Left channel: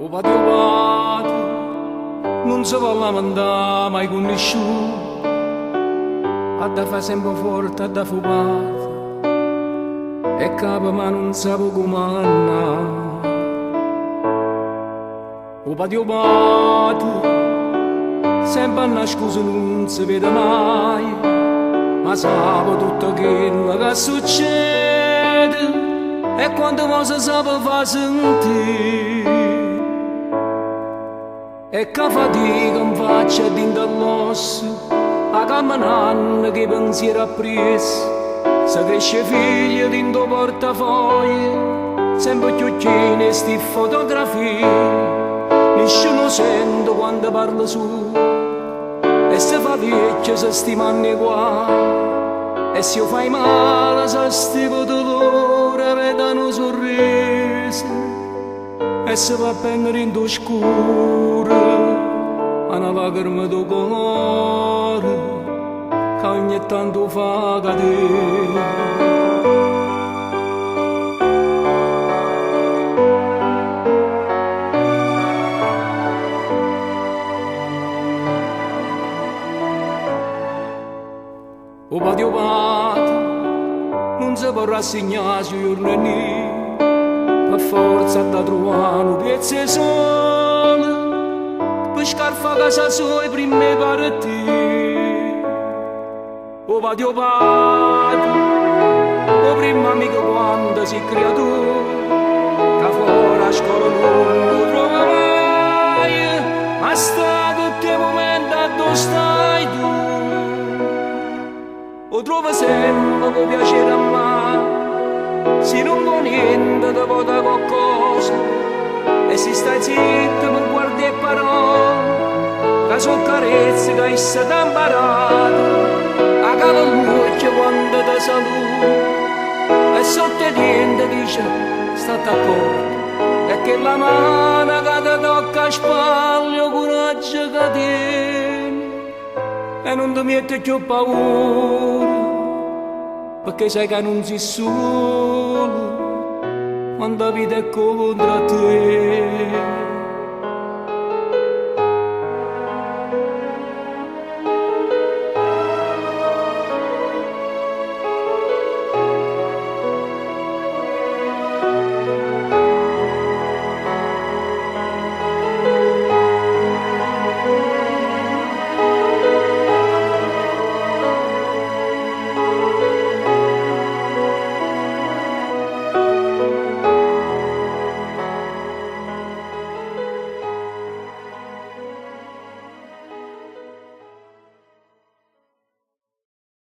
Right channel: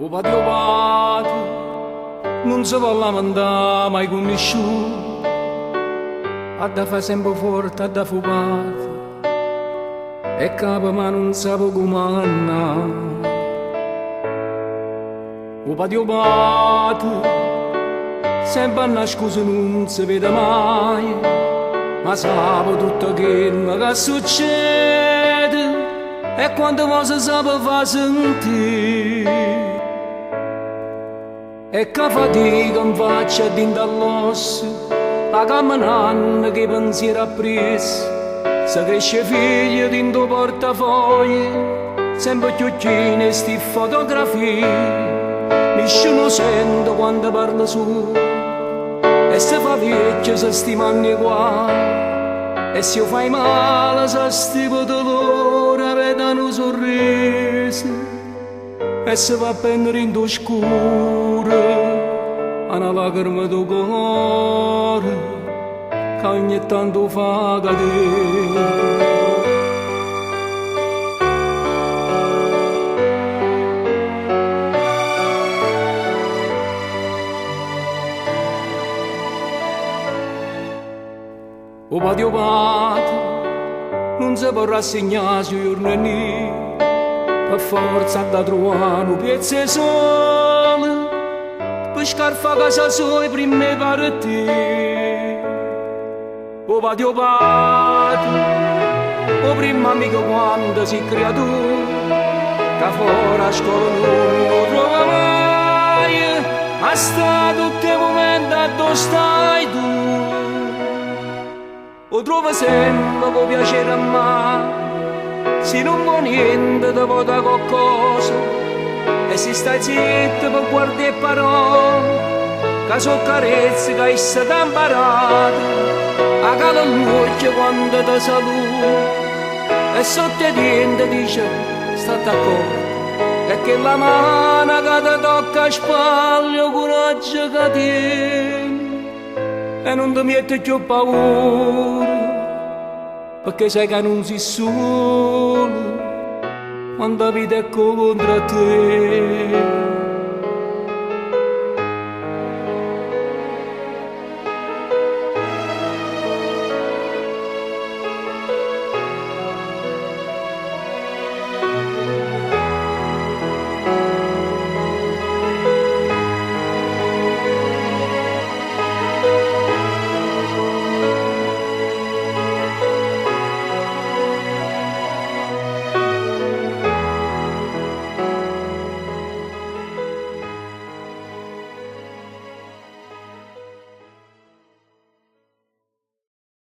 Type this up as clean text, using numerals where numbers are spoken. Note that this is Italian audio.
O patio padre non si può lamentare mai con nessuno, ha da fare sempre forte, ha da fare parte, e capo ma non sa comandare. O patio padre sempre una scusa non si vede mai, ma sa tutto quello che succede e quante cose sape fa sentire. E che fatica mi faccia dintre all'osso, a camminare che pensiero appresso, se cresce figlio dentro portafoglio, sempre chiocchine e sti fotografie, nessuno sente quando parla su, e se fa vecchio se stimano i guai. E se io fai male, se stivo dolore, vedono un sorriso. E se va a prendere in scuro, una lacrima del cuore, che ogni tanto fa cadere. O patio padre non si può rassegnare sui giorni, per forza da trovare un piezzo sole, per scarfa casa sua e prima partire. O patio padre, o prima amico quando si creatura, che fuori a scuola non lo trova mai, ma sta tutti i momenti dove stai tu. O trova sempre con piacere a me, se non vuoi niente ti vota qualcosa, e se stai zitto per guardare parole, che sono carezze che essa ti ha imparato, a cava l'occhio quando ti saluta, e sotto i denti dice state accorto, e che la mano che ti tocca a spalle o coraggio che tieni. E non ti metti più paura, perché sai che non sei solo quando la vita è contro te.